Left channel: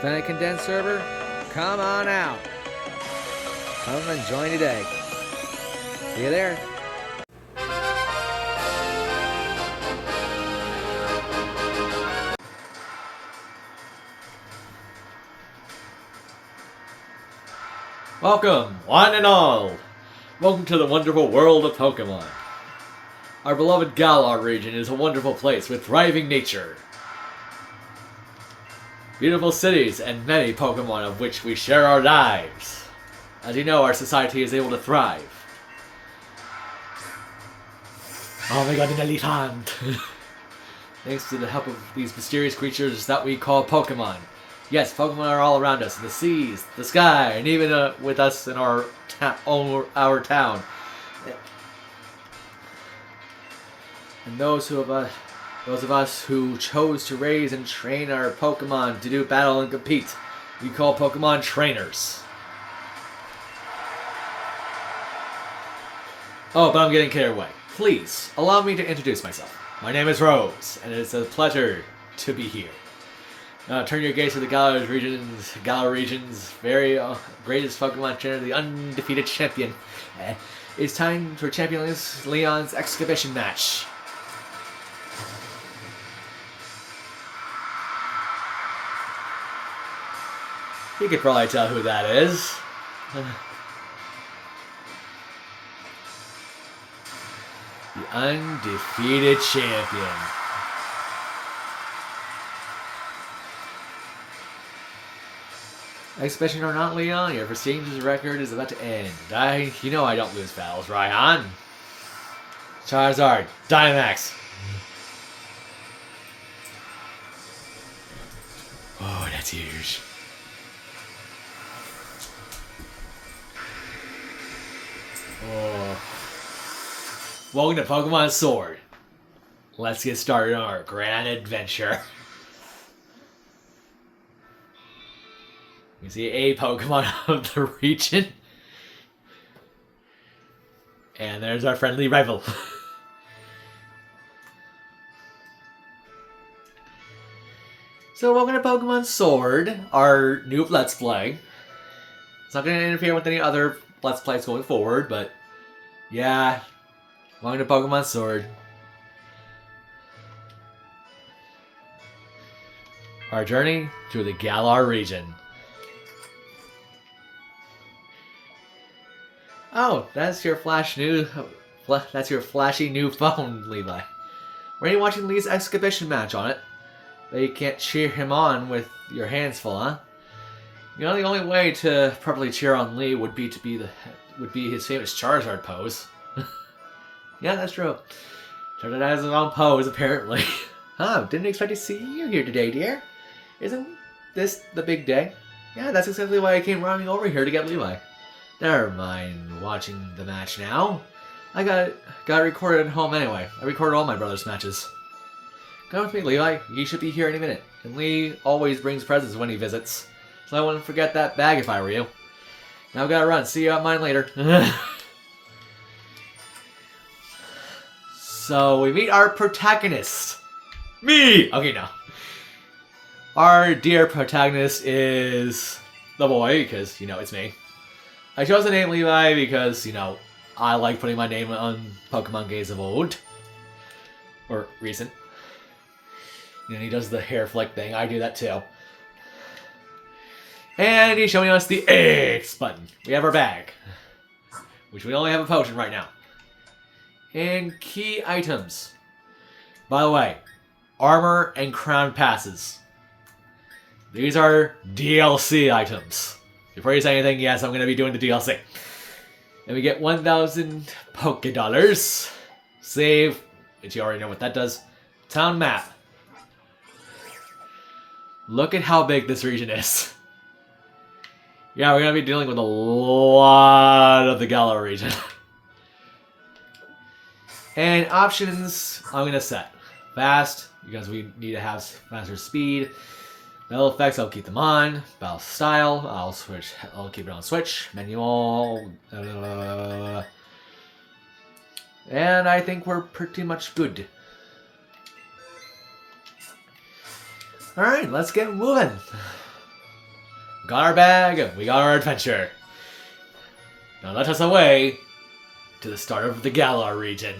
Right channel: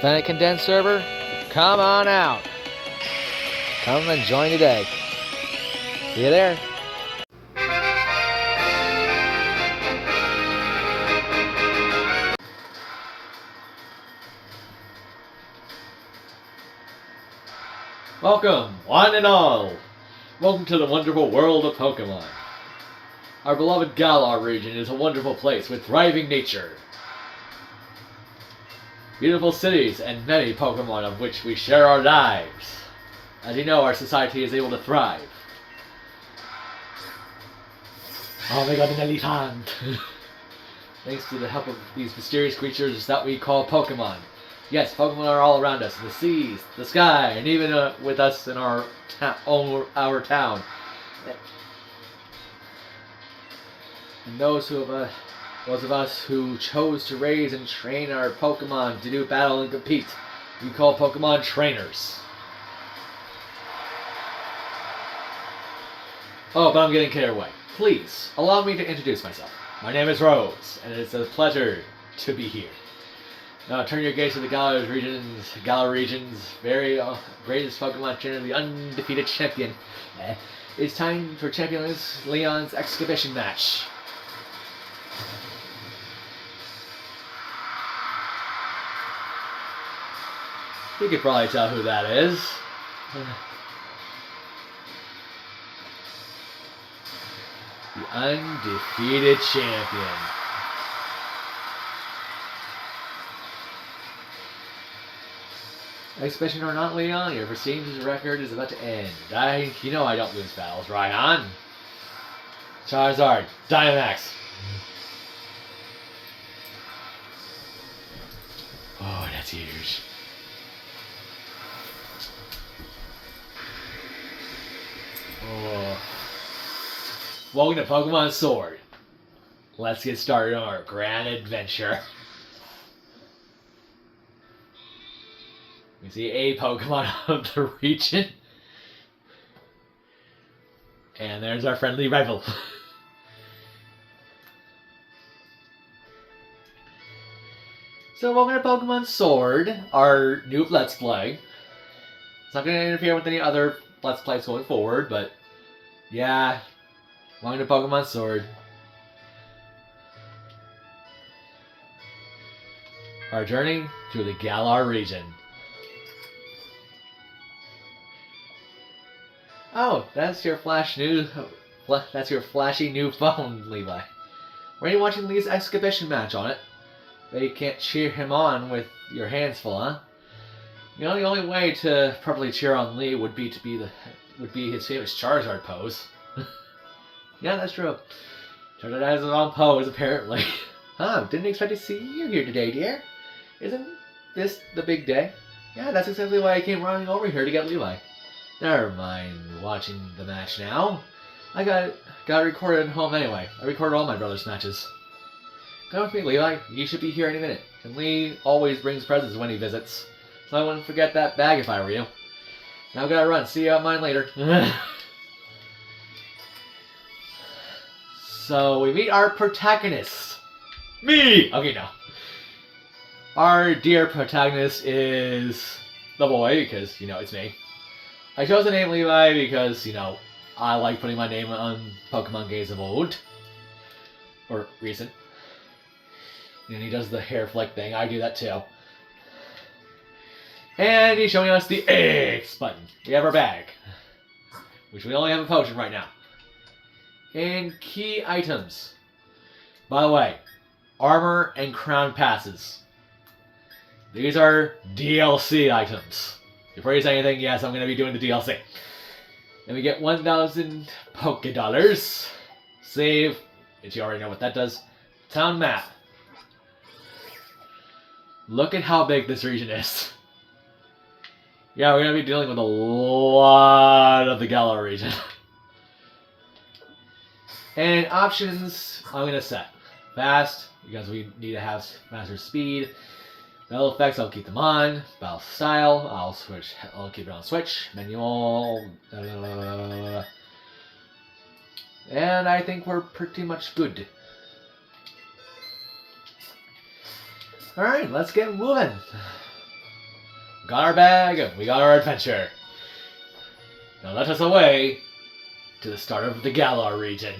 Planet Condensed server, come on out. Come and join today. See you there. Welcome, one and all! Welcome to the wonderful world of Pokemon. Our beloved Galar region is a wonderful place with thriving nature, beautiful cities, and many Pokemon of which we share our lives. As you know, our society is able to thrive. Oh my god, an elephant! Thanks to the help of these mysterious creatures that we call Pokemon. Yes, Pokemon are all around us, in the seas, the sky, and even with us in our town. And those of us who chose to raise and train our Pokemon to do battle and compete, we call Pokemon trainers. Oh, but I'm getting carried away. Please, allow me to introduce myself. My name is Rose, and it's a pleasure to be here. Now turn your gaze to the Galar region's very greatest Pokemon trainer, the undefeated champion. It's time for Champion Leon's exhibition match. You could probably tell who that is. The undefeated champion. Exhibition or not, Leon, your prestigious record is about to end. You know I don't lose battles, Raihan. Charizard, Dynamax. Oh, that's huge. Oh. Welcome to Pokemon Sword. Let's get started on our grand adventure. You see a Pokemon of the region. And there's our friendly rival. So welcome to Pokemon Sword, our new Let's Play. It's not going to interfere with any other Let's Plays going forward, but yeah, welcome to Pokemon Sword. Our journey through the Galar region. Oh, that's your that's your flashy new phone, Levi. Were you watching Lee's exhibition match on it? But you can't cheer him on with your hands full, huh? You know, the only way to properly cheer on Lee would be his famous Charizard pose. Yeah, that's true. Charizard has his own pose, apparently. Oh, didn't expect to see you here today, dear. Isn't this the big day? Yeah, that's exactly why I came running over here to get Levi. Never mind watching the match now. I got it recorded at home anyway. I recorded all my brother's matches. Come with me, Levi. You should be here any minute. And Lee always brings presents when he visits. So I wouldn't forget that bag if I were you. Now I gotta run. See you at mine later. So we meet our protagonist. Me! Okay, no. Our dear protagonist is the boy, because, you know, it's me. I chose the name Levi because, you know, I like putting my name on Pokemon games of old. Or recent. And he does the hair flick thing. I do that too. And he's showing us the X button. We have our bag. Which we only have a potion right now. And key items. By the way, armor and crown passes. These are DLC items. Before you say anything, yes, I'm going to be doing the DLC. And we get 1,000 Poké Dollars. Save, which you already know what that does. Town map. Look at how big this region is. Yeah, we're going to be dealing with a lot of the Galar region. And options, I'm going to set. Fast, because we need to have faster speed. Battle effects, I'll keep them on. Battle style, I'll keep it on switch. Manual. And I think we're pretty much good. Alright, let's get moving. Got our bag, we got our adventure. Now let us away to the start of the Galar region.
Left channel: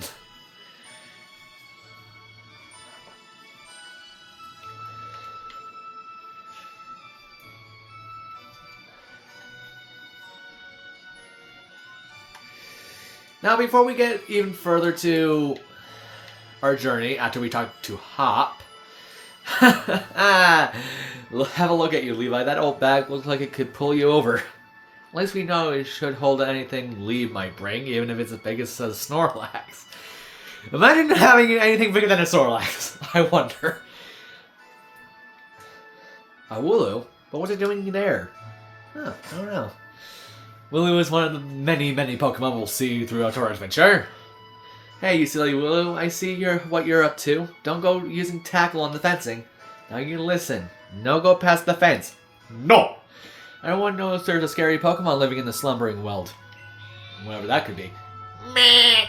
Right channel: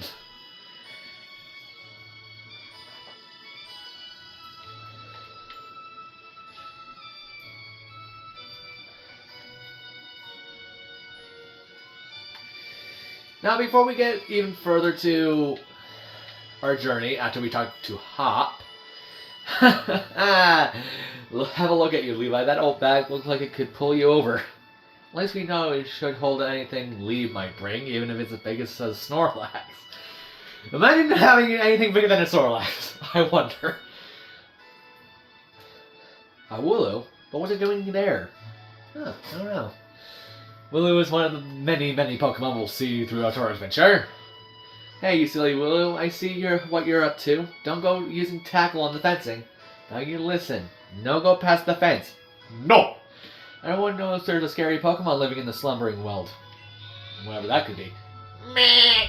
Now, before we get even further to our journey, after we talk to Hop, have a look at you, Levi. That old bag looks like it could pull you over. At least we know it should hold anything Lee might bring, even if it's as big as a Snorlax. Imagine having anything bigger than a Snorlax. I wonder. A Wooloo? But what's it doing there? Huh, I don't know. Wooloo is one of the many, many Pokemon we'll see throughout our adventure. Hey, you silly Wooloo, I see what you're up to. Don't go using tackle on the fencing. Now you listen. No go past the fence. No! Everyone knows there's a scary Pokemon living in the slumbering world. Whatever that could be. Meh!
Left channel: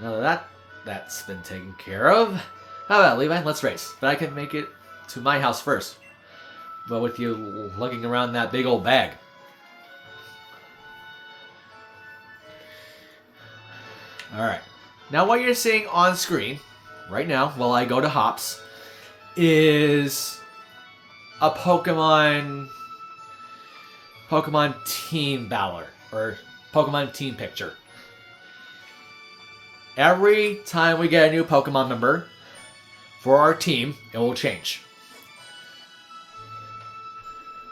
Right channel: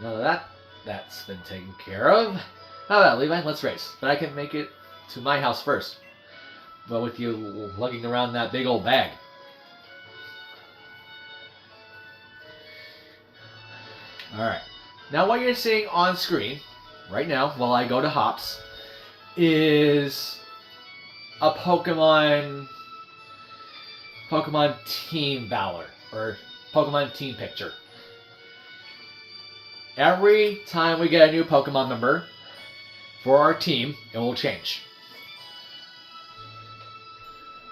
Now that's been taken care of. How about Levi? Let's race. But I can make it to my house first. But with you looking around that big old bag. Alright. Now what you're seeing on screen, right now, while I go to Hops, is a Pokemon team battler, or Pokemon team picture. Every time we get a new Pokemon member for our team, it will change.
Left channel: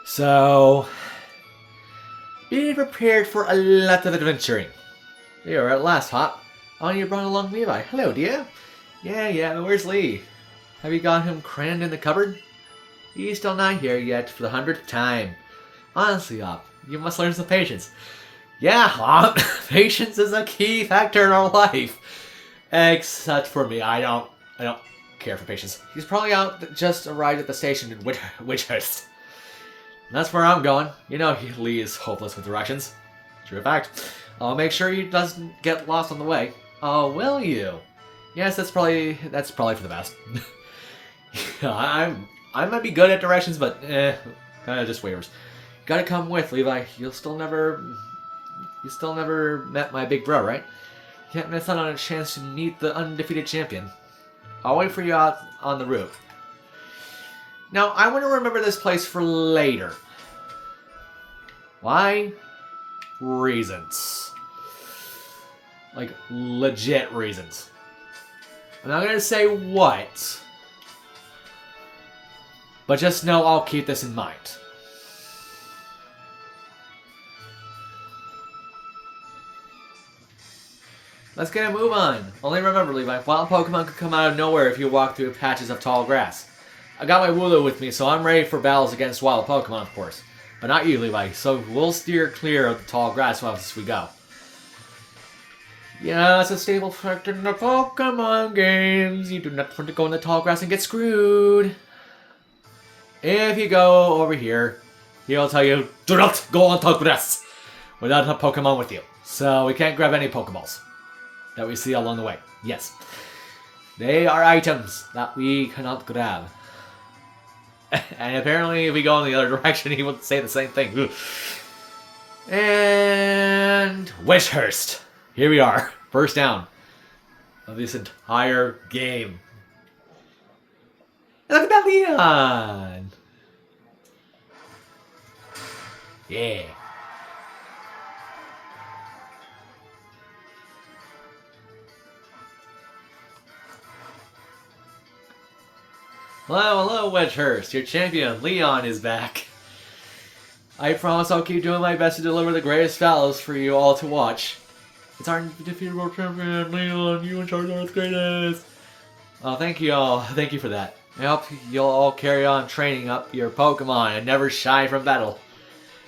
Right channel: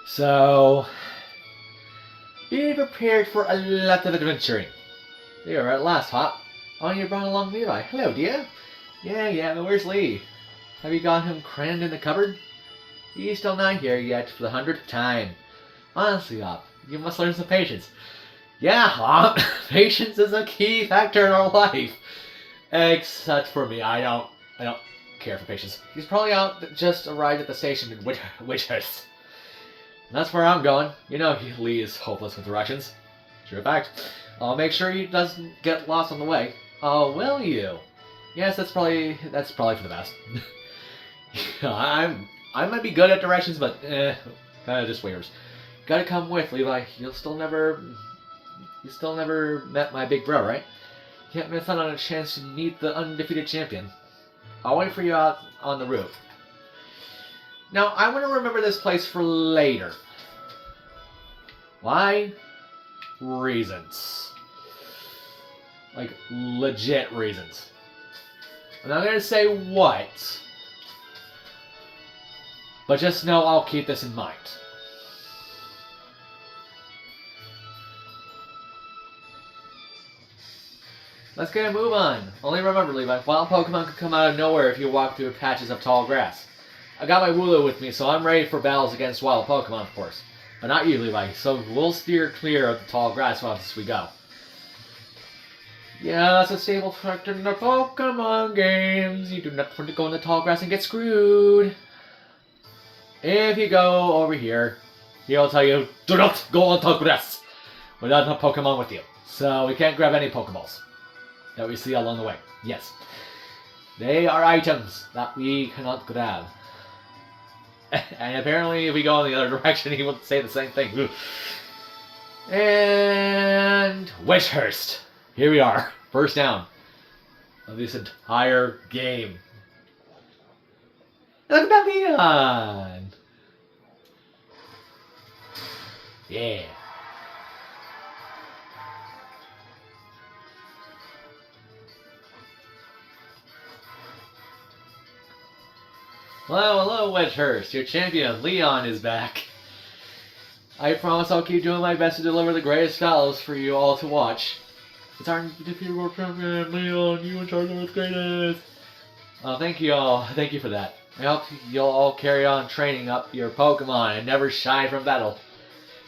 So, be prepared for a lot of adventuring. Here at last, Hop. Oh, you brought along Levi. Hello, dear. Yeah, where's Lee? Have you got him crammed in the cupboard? He's still not here yet for the 100th time. Honestly, Hop, you must learn some patience. Yeah, Hop, patience is a key factor in our life. Except for me, I don't care for patience. He's probably out just arrived at the station in Witchhurst. That's where I'm going. You know Lee is hopeless with directions. True fact. I'll make sure he doesn't get lost on the way. Oh, will you? Yes, that's probably for the best. I might be good at directions, but just waivers. Gotta come with, Levi. You still never met my big bro, right? Can't miss out on a chance to meet the undefeated champion. I'll wait for you out on the route. Now, I want to remember this place for later. Why? Reasons. Like, legit reasons. I'm not going to say what, but just know I'll keep this in mind. Let's get a move on. Only remember, Levi, wild Pokemon could come out of nowhere if you walk through patches of tall grass. I got my Wooloo with me, so I'm ready for battles against wild Pokemon, of course. But not you, Levi, so we'll steer clear of the tall grass as we go. Yeah, it's a staple factor in the Pokemon games. You do not want to go in the tall grass and get screwed. If you go over here, he'll tell you, do not go on tall grass without a Pokemon with you. So we can't grab any Pokeballs that we see along the way. Yes. They are items that we cannot grab. And apparently if we go in the other direction, he will say the same thing. And Witchhurst. Here we are. First down of this entire game. Look at that Leon! Yeah. Hello, Witchhurst. Your champion, Leon, is back. I promise I'll keep doing my best to deliver the greatest battles for you all to watch. It's our undefeatable champion, Leon. You and Charizard's greatest. Oh, thank you all. Thank you for that. I hope you'll all carry on training up your Pokemon and never shy from battle.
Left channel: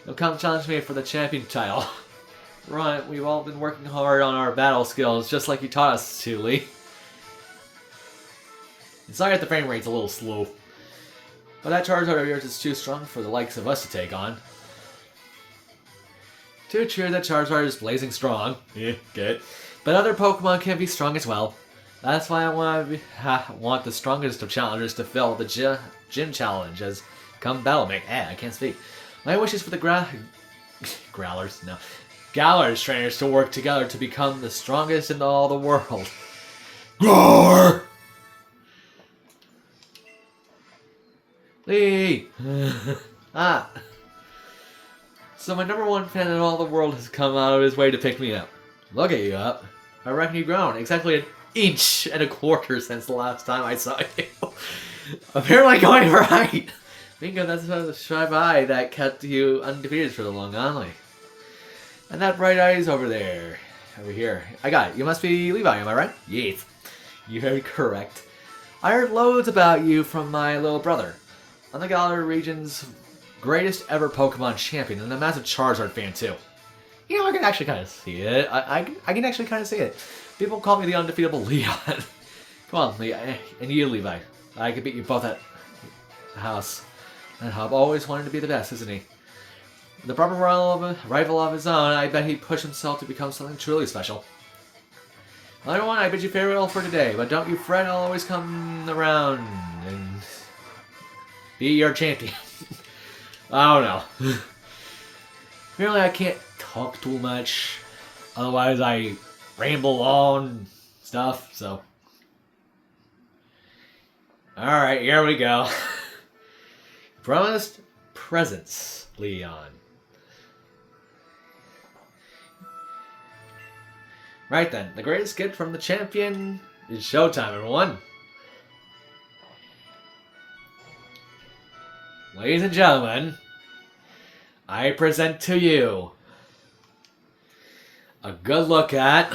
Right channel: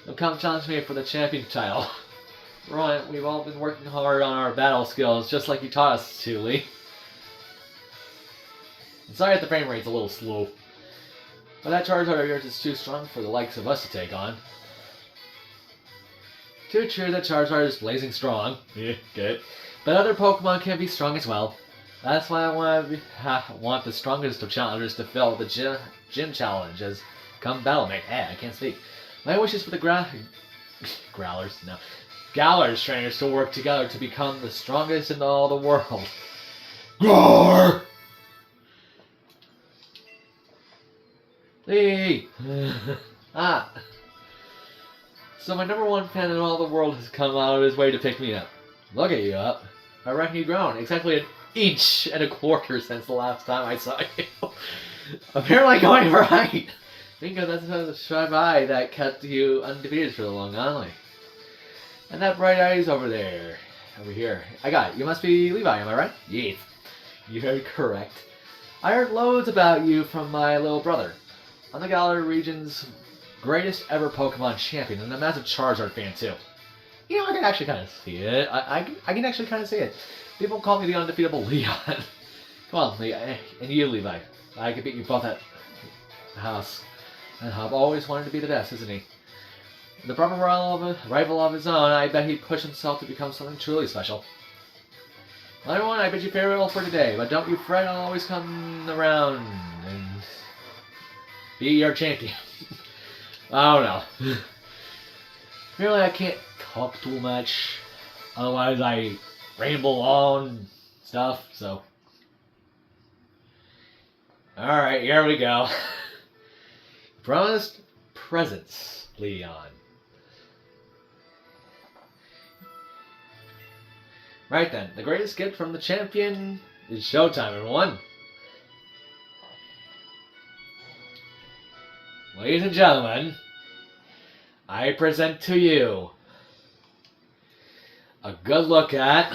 You'll come challenge me for the champion title. Right, we've all been working hard on our battle skills, just like you taught us to, Lee. Sorry if the frame rate's a little slow. But that Charizard of yours is too strong for the likes of us to take on. Too true that Charizard is blazing strong. Yeah, good. But other Pokemon can be strong as well. That's why I want the strongest of challengers to fill the Gym Challenge, as come battle me. I can't speak. My wish is for the Growlers, no. Galar's trainers to work together to become the strongest in all the world. Roar! Lee! Ah. So my number one fan in all the world has come out of his way to pick me up. Look at you up. I reckon you've grown exactly 1.25 inches since the last time I saw you. Apparently going right. Bingo, that's the sharp eye that kept you undefeated for the long only. And that bright eye is over there. Over here. I got it. You must be Levi, am I right? Yes. You're very correct. I heard loads about you from my little brother. I'm the Galar region's greatest ever Pokemon champion, and a massive Charizard fan too. You know, I can actually kind of see it. I can actually kind of see it. People call me the undefeatable Leon. Come on, Leon. And you, Levi. I could beat you both at the house. And Hub always wanted to be the best, isn't he? The proper rival of his own, I bet he'd push himself to become something truly special. Another one, I bid you farewell for today, but don't you fret, I'll always come around and be your champion. I don't know. Apparently I can't talk too much, otherwise I ramble on stuff, so. Alright, here we go. Promised presents, Leon. Right then, the greatest gift from the champion is showtime, everyone. Ladies and gentlemen, I present to you a good look at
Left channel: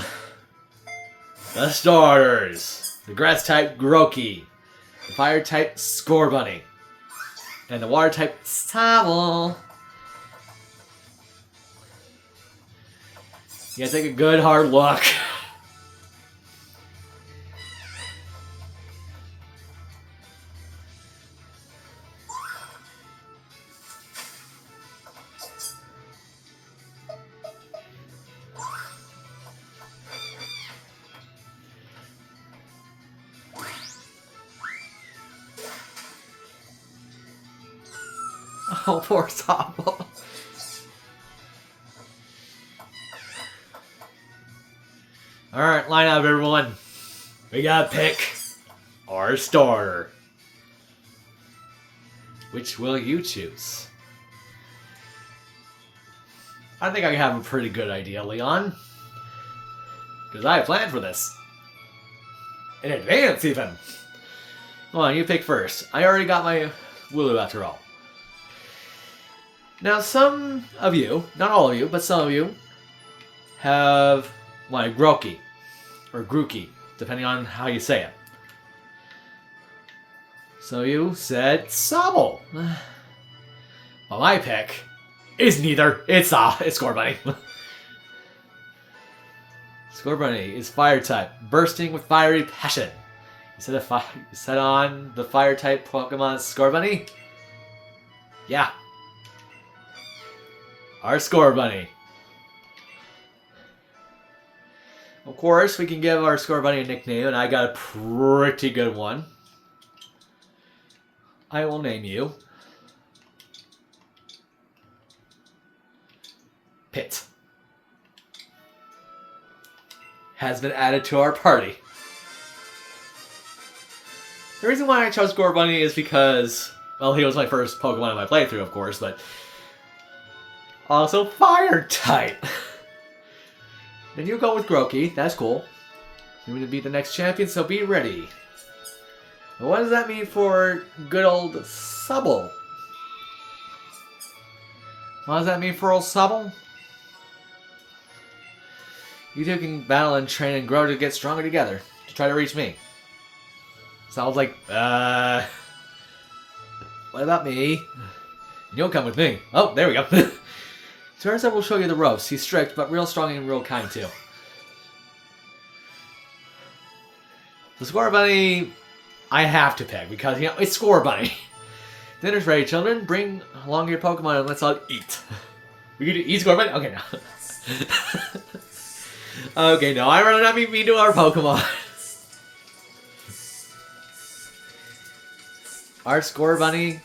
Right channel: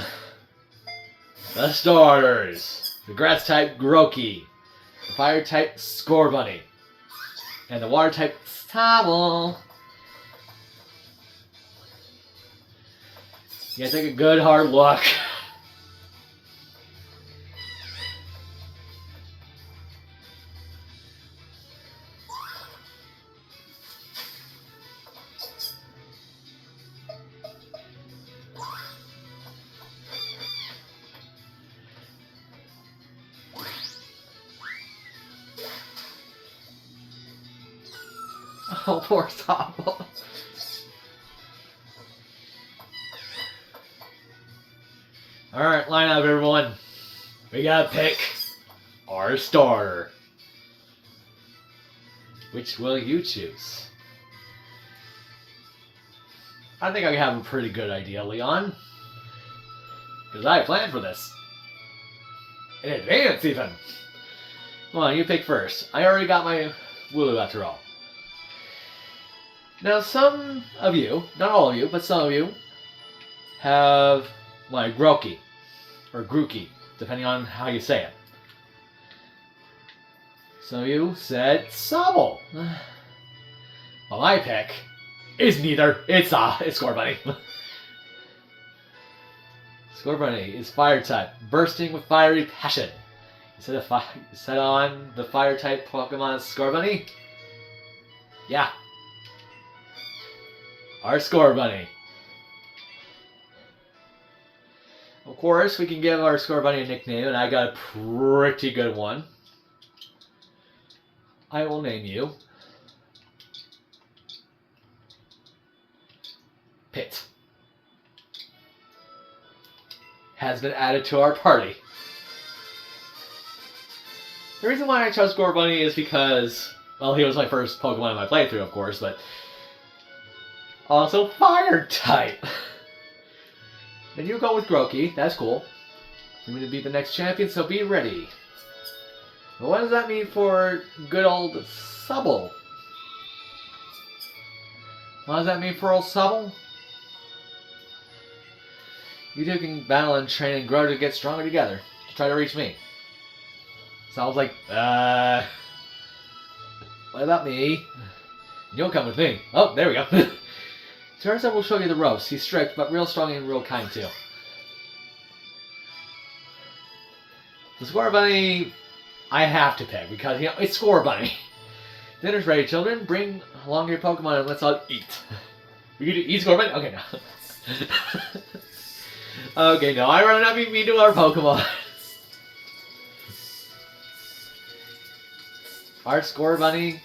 the starters. The grass type Grookey, the fire type Scorbunny, and the water type Sobble. You gotta take a good hard look. Oh, poor Sobble. Alright, line up everyone. We gotta pick our starter. Which will you choose? I think I have a pretty good idea, Leon. Because I planned for this. In advance, even. Come on, you pick first. I already got my Wooloo after all. Now, some of you, not all of you, but some of you, have my Grookey, or Grookey, depending on how you say it. So you said Sobble. Well, my pick is neither. It's Scorbunny. Scorbunny is fire type, bursting with fiery passion. You set on the fire type Pokemon Scorbunny? Yeah. Our Scorbunny. Of course, we can give our Scorbunny a nickname, and I got a pretty good one. I will name you Pit. Has been added to our party. The reason why I chose Scorbunny is because, well, he was my first Pokemon in my playthrough, of course, but also fire type. Then you go with Grookey, that's cool. You're going to be the next champion, so be ready. But what does that mean for good old Sobble? What does that mean for old Sobble? You two can battle and train and grow to get stronger together, to try to reach me. So I was like, what about me? You'll come with me. Oh, there we go. Charizard will show you the ropes. He's strict, but real strong and real kind, too. The Scorbunny, I have to pick, because, you know, it's Scorbunny. Dinner's ready, children. Bring along your Pokemon and let's all eat. We can eat Scorbunny? Okay, no. Okay, no, I rather not be mean to our Pokemon. Our Scorbunny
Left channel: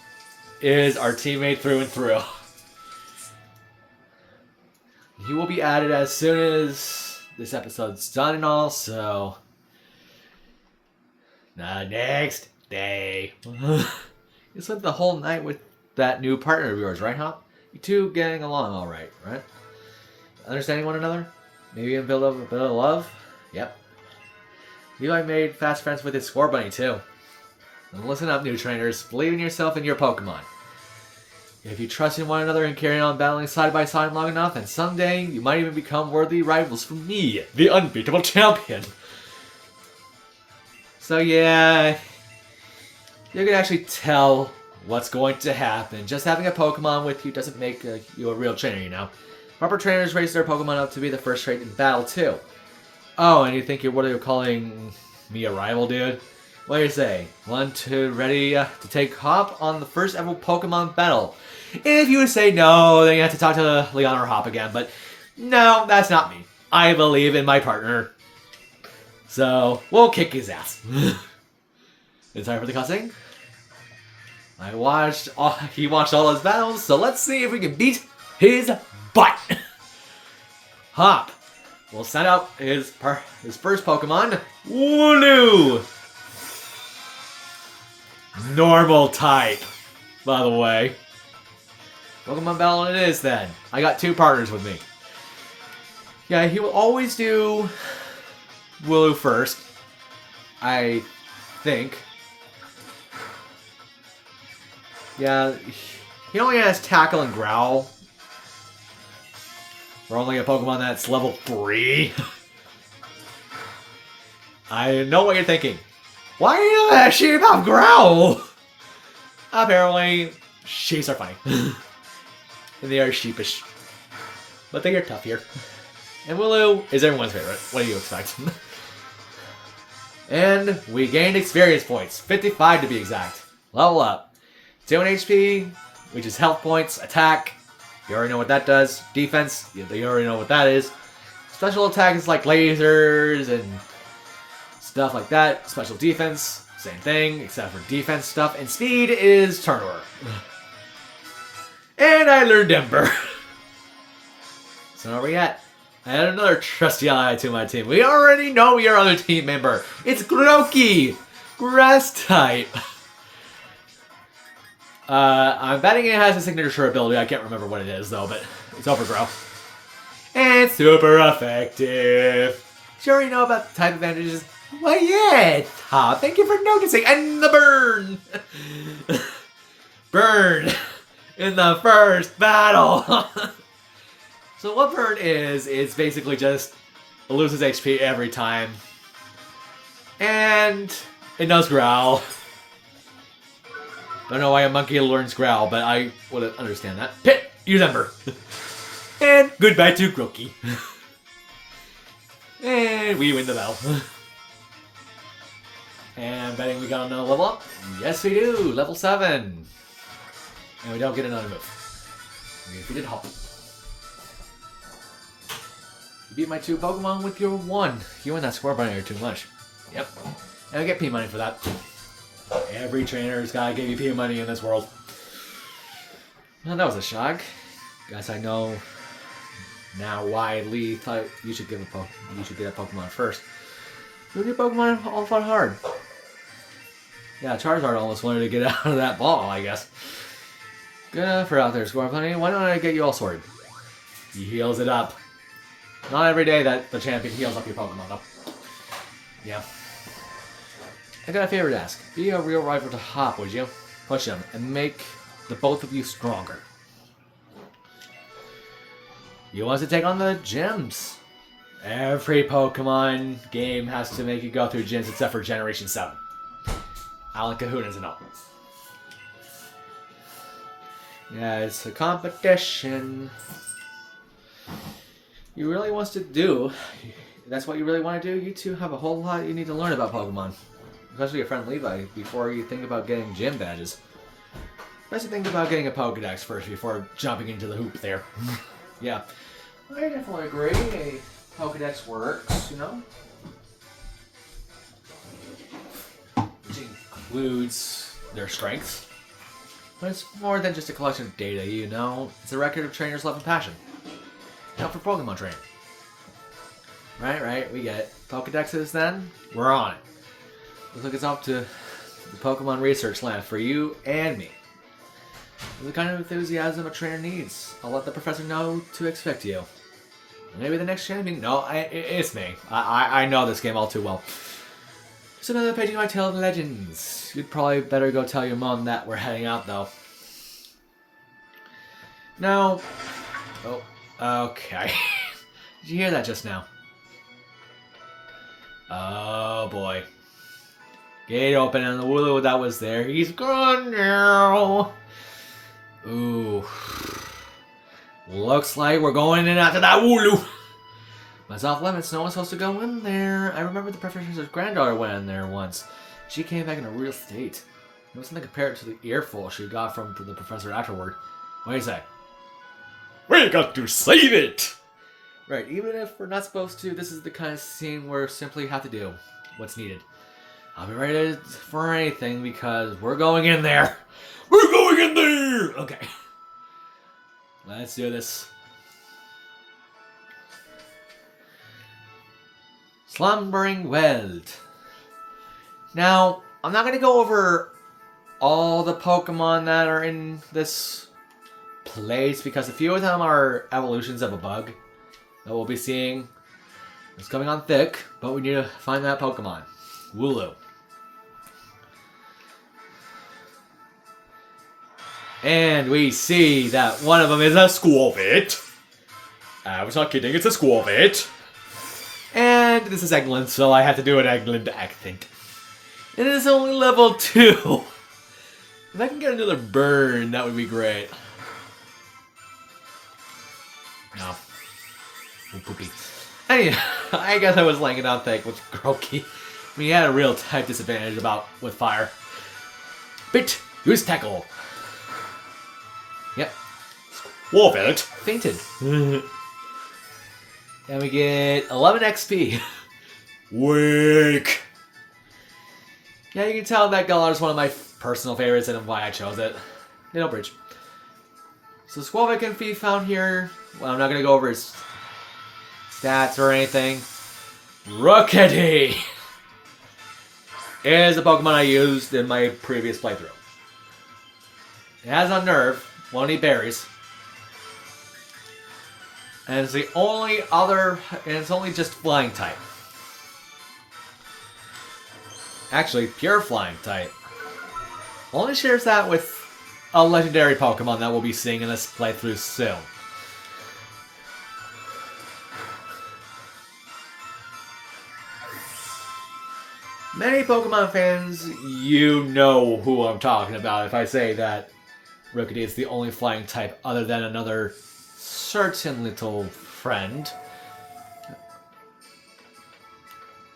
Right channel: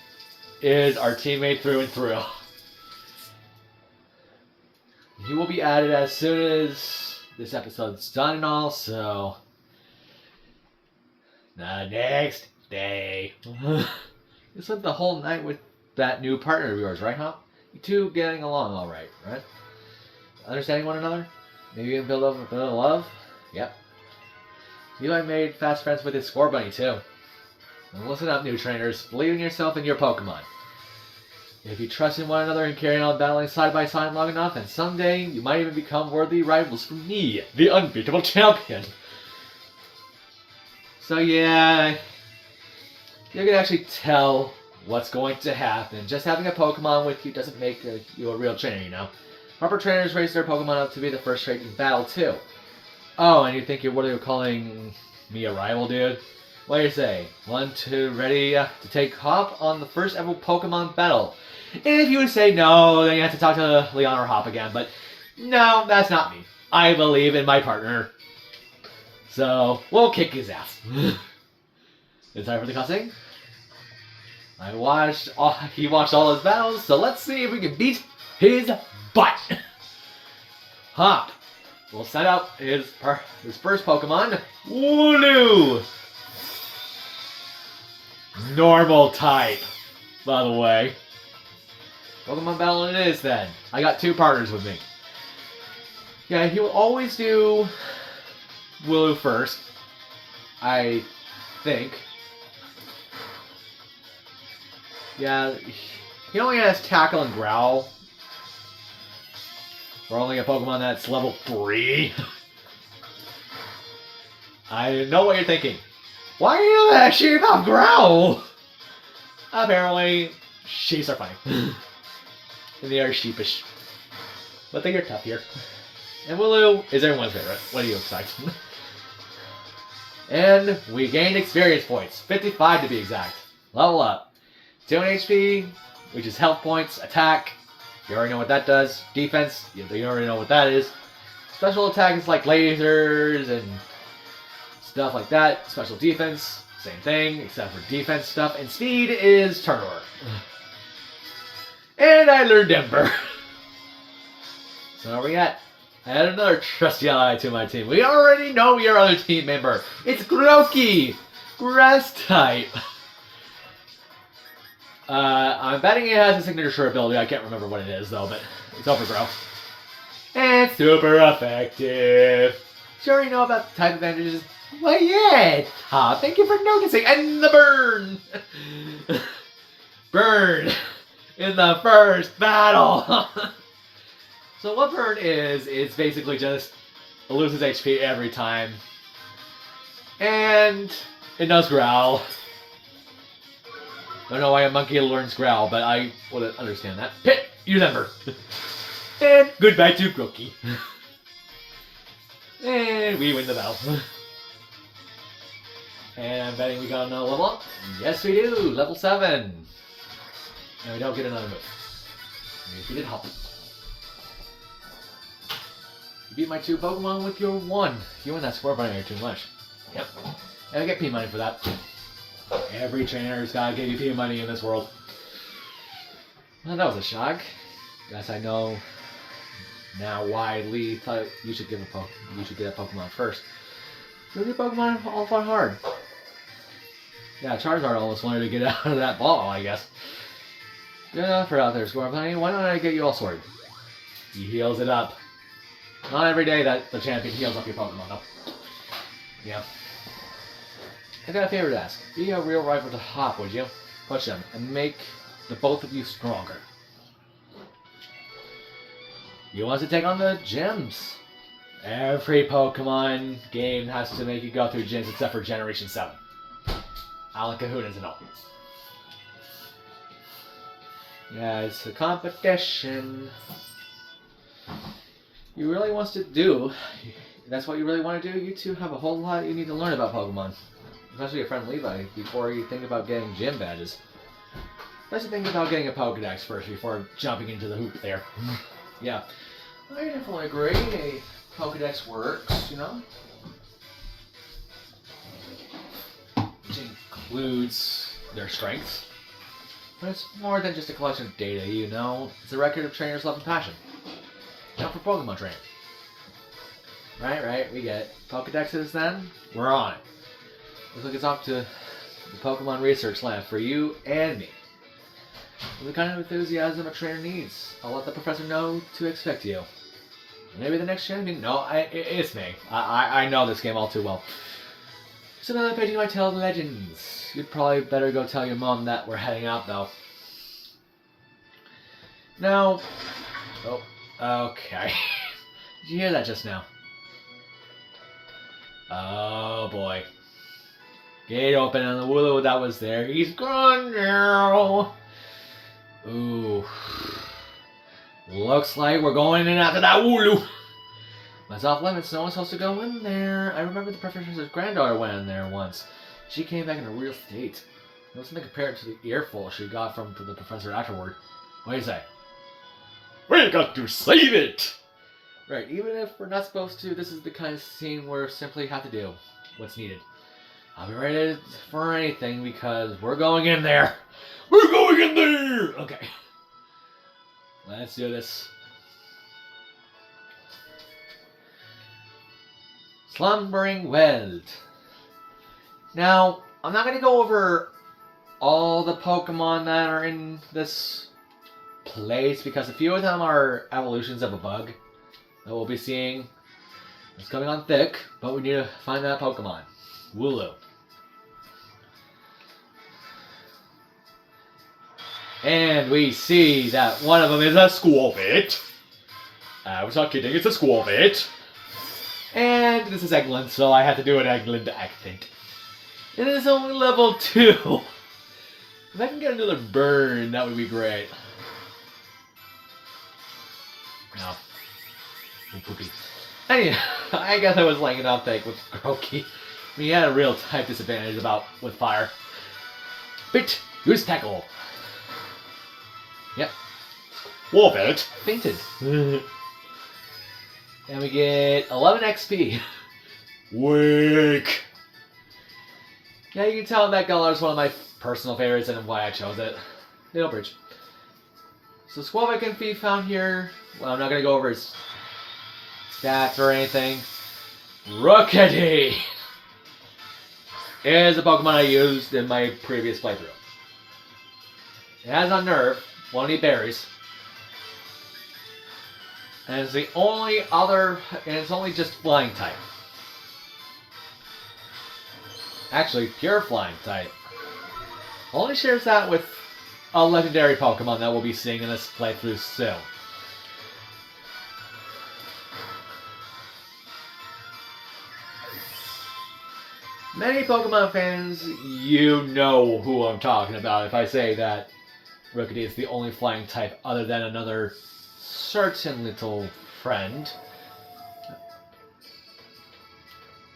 is our teammate through and through. He will be added as soon as this episode's done and all, so... The next day. You spent the whole night with that new partner of yours, right, Hop? You two getting along alright, right? Understanding one another? Maybe a bit of love? Yep. Levi made fast friends with his Score Bunny, too. And listen up, new trainers. Believe in yourself and your Pokemon. If you trust in one another and carry on battling side by side long enough, and someday you might even become worthy rivals for me, the unbeatable champion. So yeah, you can actually tell what's going to happen. Just having a Pokemon with you doesn't make you a real trainer, you know. Proper trainers raise their Pokemon up to be the first trait in battle, too. Oh, and you think what are you calling me a rival, dude? What do you say? Ready to take Hop on the first ever Pokemon battle? If you would say no, then you have to talk to Leon or Hop again, but no, that's not me. I believe in my partner. So, we'll kick his ass. It's time for the cussing? He watched all his battles, so let's see if we can beat his butt. Hop will set up his first Pokemon, Wooloo. Normal type, by the way. Pokemon battle it is then. I got two partners with me. Yeah, he will always do Wooloo first, I think. Yeah, he only has Tackle and Growl. We're only a Pokemon that's level 3. I know what you're thinking. Why do you have Sheep have Growl? Apparently, sheeps are fine. And they are sheepish. But they are tough here. And Wooloo is everyone's favorite. What do you expect? And we gained experience points. 55 to be exact. Level up. 2 HP, which is health points, attack. You already know what that does. Defense, you already know what that is. Special attack is like lasers and stuff like that. Special defense, same thing, except for defense stuff. And speed is turnover. And I learned Ember. So where are we at? I add another trusty ally to my team. We already know your other team member. It's Grookey! Grass type. I'm betting it has a signature ability. I can't remember what it is, though, but it's Overgrow. And super effective. You already know about the type advantages? Well, yeah, Top. Thank you for noticing. And the burn! Burn! In the first battle! So what burn is, it's basically just it loses HP every time. And it knows Growl. I don't know why a monkey learns Growl, but I would understand that. Pit! Use Ember! And goodbye to Grookey. And we win the battle. And betting we got another level up? Yes we do! Level 7! And we don't get another move. We did Hop. You beat my 2 Pokemon with your 1. You and that Score Bunny are too much. Yep. And I get P-Money for that. Every trainer's gotta give you P-Money in this world. Well, that was a shock. Guess I know now why Lee thought you should get a Pokemon first. Your Pokemon all fought hard. Yeah, Charizard almost wanted to get out of that ball, I guess. Good enough for out there, Score Bunny. Why don't I get you all sorted? He heals it up. Not every day that the champion heals up your Pokemon, though. Yeah. I got a favor to ask. Be a real rival to Hop, would you? Push him and make the both of you stronger. You want to take on the gyms? Every Pokemon game has to make you go through gyms except for Generation 7. Alan Cahoon doesn't know. Yeah, it's a competition. You really wants to do. That's what you really want to do. You two have a whole lot you need to learn about Pokemon. Especially your friend Levi, before you think about getting gym badges. Let's think about getting a Pokedex first before jumping into the hoop there. Yeah. I definitely agree. A Pokedex works, you know? Which includes their strengths. But it's more than just a collection of data, you know? It's a record of trainers' love and passion. Not for Pokemon training. Right, we get it. Pokedexes then? We're on it. Looks like it's up to the Pokemon Research Lab for you and me. With the kind of enthusiasm a trainer needs, I'll let the professor know to expect you. Maybe the next champion? No, it's me. I know this game all too well. It's another page in my tale of legends. You'd probably better go tell your mom that we're heading out, though. Now... Oh, okay. Did you hear that just now? Oh, boy. Gate open and the Wooloo that was there, he's gone now. Ooh. Looks like we're going in after that Wooloo. That's off limits. No one's supposed to go in there. I remember the professor's granddaughter went in there once. She came back in a real state. It was something compared to the earful she got from the professor afterward. What do you say? We got to save it! Right, even if we're not supposed to, this is the kind of scene where we simply have to do what's needed. I'll be ready for anything because we're going in there. We're going in there! Okay. Let's do this. Slumbering Weld. Now, I'm not going to go over all the Pokemon that are in this place because a few of them are evolutions of a bug that we'll be seeing. It's coming on thick, but we need to find that Pokemon. Wooloo. And we see that one of them is a Squirtle. I was not kidding, it's a Squirtle. And this is Eggland, so I have to do an Eggland accent. It is only level 2. If I can get another burn, that would be great. No. Oh, poopy. Anyway, I guess I was laying it out thick with Grookey. I mean, he had a real type disadvantage with fire. Bit Goose Tackle. Yep. Warfelt fainted. And we get 11 XP. Wake. Yeah, you can tell that Galar is one of my personal favorites and why I chose it. Middle Bridge. So Squirtle can be found here. Well, I'm not going to go over his stats or anything. Rookity is a Pokemon I used in my previous playthrough. It has a nerve. Won't eat berries. And it's the only other, and it's only just flying type. Actually, pure flying type. Only shares that with a legendary Pokemon that we'll be seeing in this playthrough soon. Many Pokemon fans, you know who I'm talking about if I say that Rookity is the only flying type other than another certain little friend.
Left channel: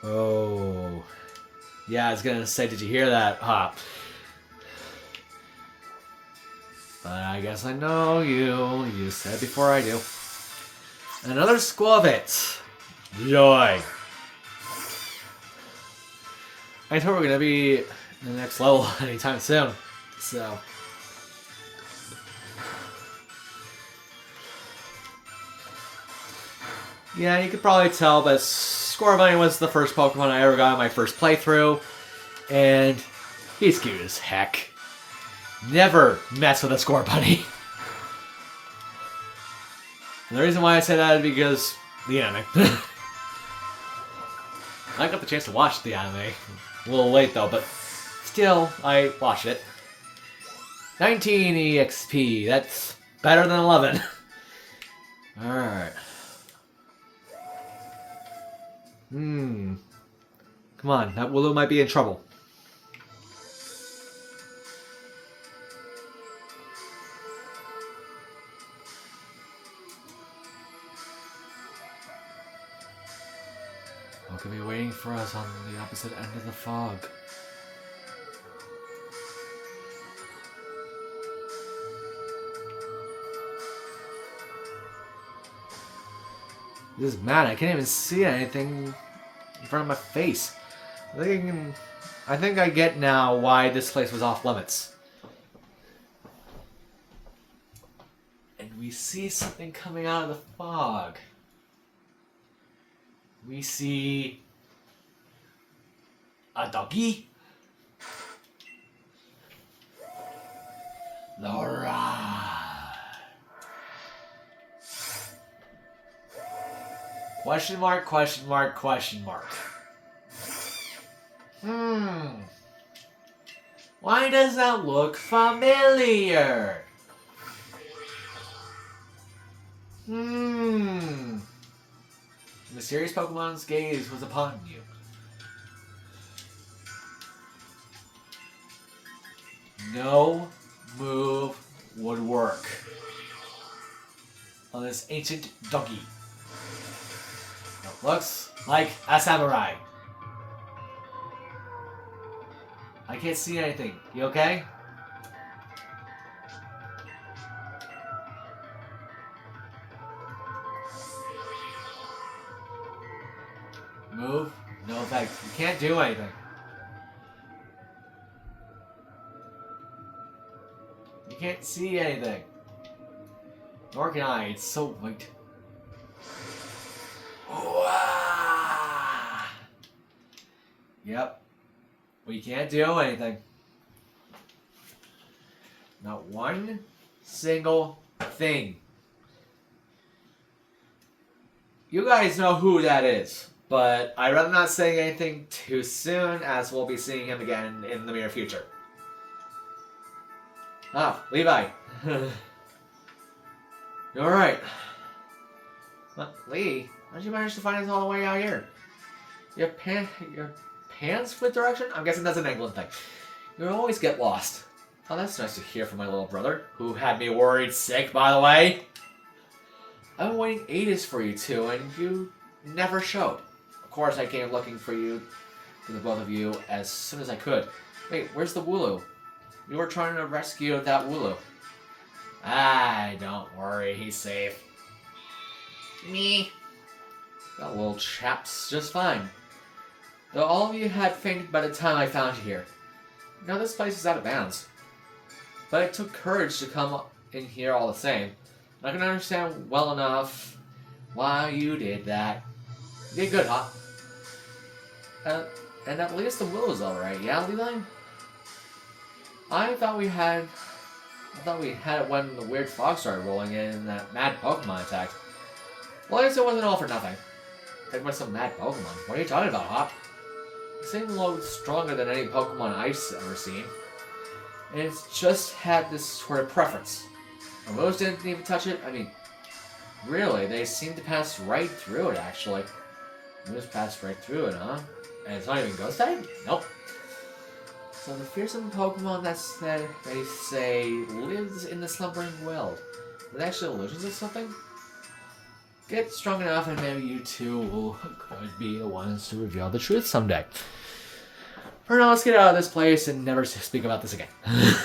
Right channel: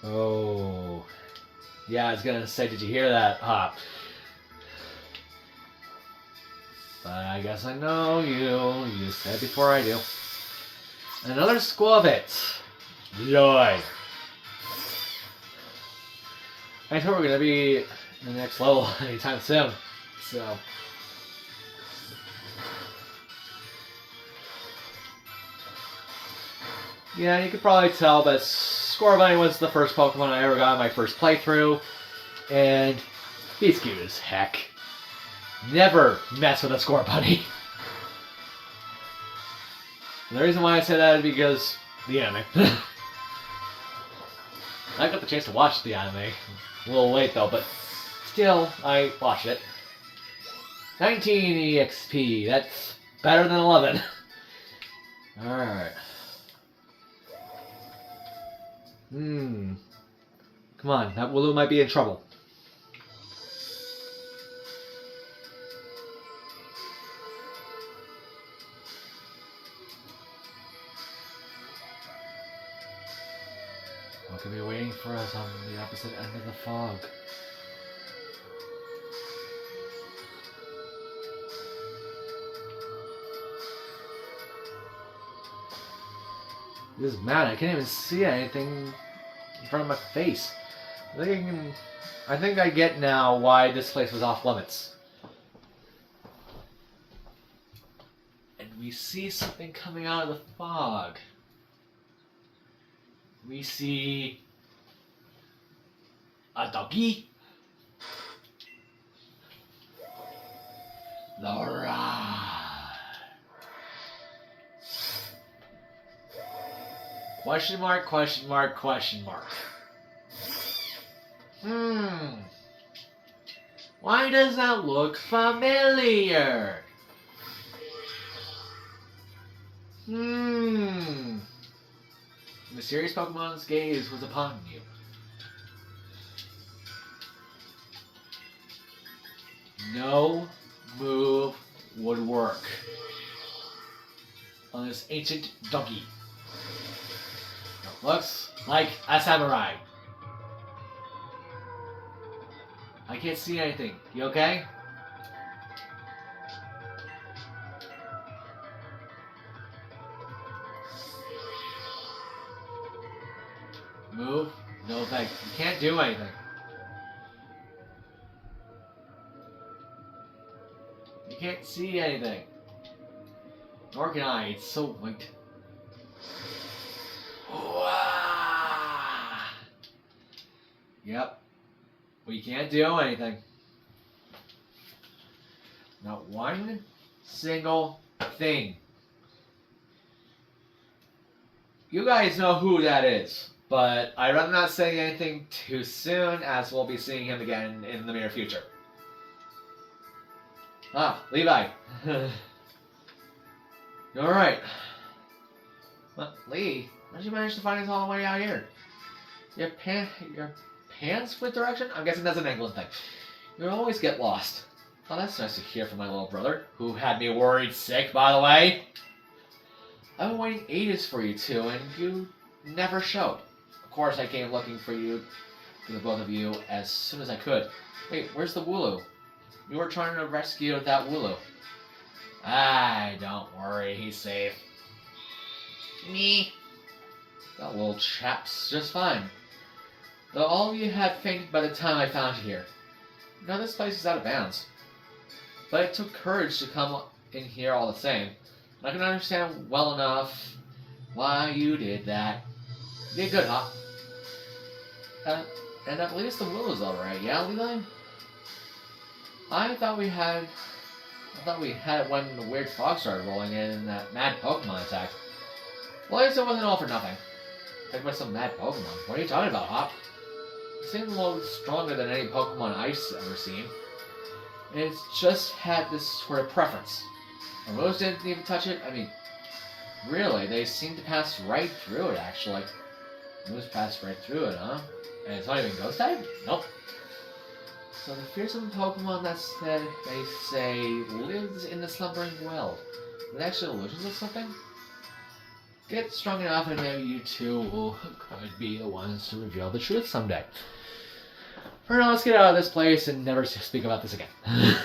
Oh. Yeah, I was gonna say, did you hear that? But I guess I know you. You said before I do. Another Squirtle. Joy. I thought we were gonna be in the next level anytime soon. So. Yeah, you could probably tell that Scorbunny was the first Pokemon I ever got in my first playthrough, and he's cute as heck. Never mess with a Scorbunny. And the reason why I say that is because the anime. I got the chance to watch the anime. A little late though, but still, I watched it. 19 EXP, that's better than 11. Alright. Come on, that Wooloo might be in trouble. What could be waiting for us on the opposite end of the fog? This is mad. I can't even see anything in front of my face. I think I get now why this place was off limits. we see something coming out of the fog. We see a doggy. Laura. Question mark, question mark, question mark. Why does that look familiar? Mysterious Pokemon's gaze was upon you. No move would work on this ancient doggy. Looks like a samurai. I can't see anything. You okay? Move? No effect. You can't do anything. You can't see anything. Nor can I. It's so white. Yep. We can't do anything. Not one single thing. You guys know who that is, but I'd rather not say anything too soon, as we'll be seeing him again in the near future. Ah, Levi. Alright. Well, Lee, how did you manage to find us all the way out here? Your pants with direction? I'm guessing that's an England thing. You always get lost. Oh, that's nice to hear from my little brother, who had me worried sick, by the way. I've been waiting ages for you two, and you never showed. Of course, I came looking for you, for the both of you, as soon as I could. Wait, where's the Wooloo? You were trying to rescue that Wooloo. Ah, don't worry, he's safe. Me. That little chap's just fine. Though all of you had fainted by the time I found you here. Now this place is out of bounds. But it took courage to come in here all the same. And I can understand well enough why you did that. You did good, huh? And at least the Wooloo's alright, yeah, Levi? I thought we had it when the weird fog started rolling in and that mad Pokemon attacked. Well, at least it wasn't all for nothing. Talking about some mad Pokemon. What are you talking about, Hop? It seemed a little stronger than any Pokemon I've ever seen. And it's just had this sort of preference. Our moves didn't even touch it. I mean, really, they seemed to pass right through it, actually. Moves passed right through it, huh? And it's not even Ghost type? Nope. So the fearsome Pokemon they say lives in the slumbering well. Are they actually illusions or something? Get strong enough and maybe you two could be the ones to reveal the truth someday. For now, let's get out of this place and never speak about this again. And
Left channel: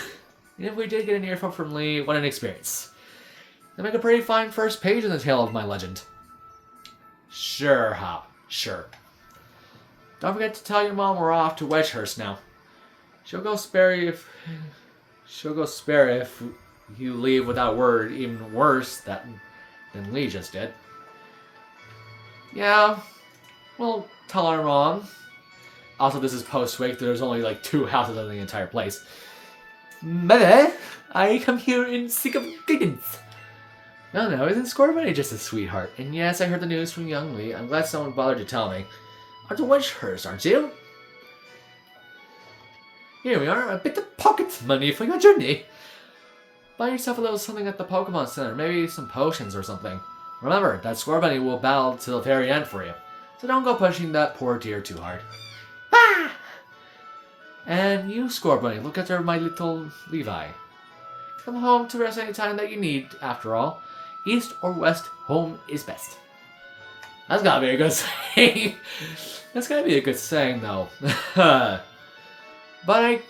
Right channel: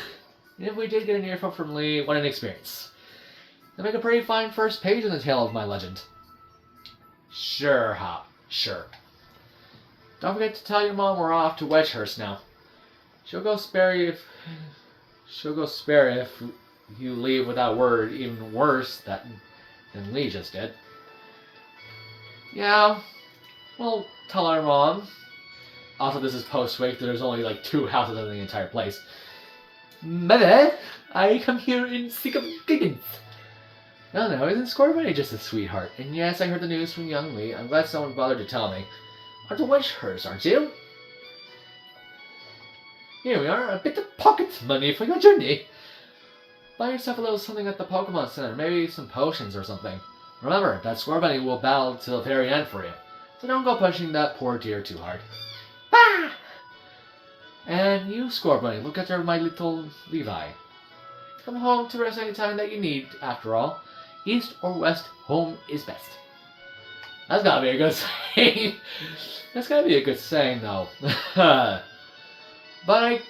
if we did get an earful from Lee, what an experience. They make a pretty fine first page in the tale of my legend. Sure, Hop. Sure. Don't forget to tell your mom we're off to Wedgehurst now. She'll go spare if you leave without word, even worse than Lee just did. Yeah, well, tell our mom. Also, this is post-wake. There's only like 2 houses in the entire place. Mother, I come here in seek of guidance. No, isn't Scorbunny just a sweetheart? And yes, I heard the news from young Lee. I'm glad someone bothered to tell me. Are to Wedgehurst, aren't you? Here we are, a bit of pocket money for your journey. Buy yourself a little something at the Pokemon Center, maybe some potions or something. Remember, that Scorbunny will battle till the very end for you. So don't go pushing that poor deer too hard. Bah! And you, Scorbunny, look after my little Levi. Come home to rest any time that you need, after all. East or west, home is best. That's gotta be a good saying. That's gotta be a good saying, though. But I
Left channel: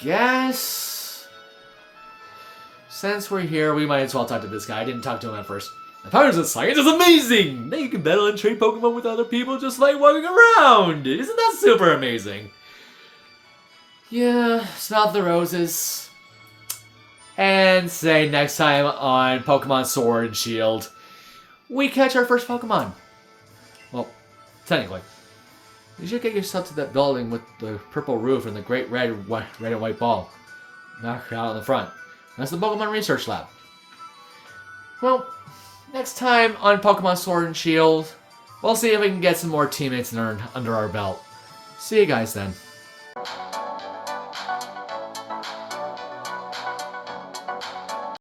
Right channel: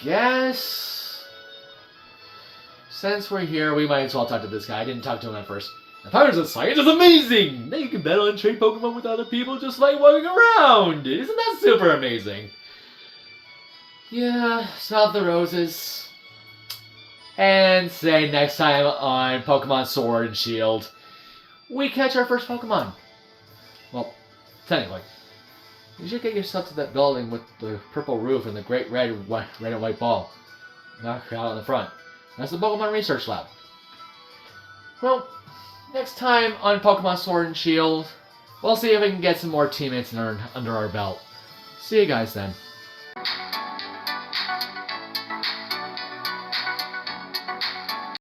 guess since we're here, we might as well talk to this guy. I didn't talk to him at first. The powers of science is amazing! Now you can battle and trade Pokemon with other people just like walking around! Isn't that super amazing? Yeah, smell the roses. And say next time on Pokemon Sword and Shield, we catch our first Pokemon. Well, technically. You should get yourself to that building with the purple roof and the great red and white ball. Knock out on the front. That's the Pokemon Research Lab. Well, next time on Pokemon Sword and Shield, we'll see if we can get some more teammates under our belt. See you guys then.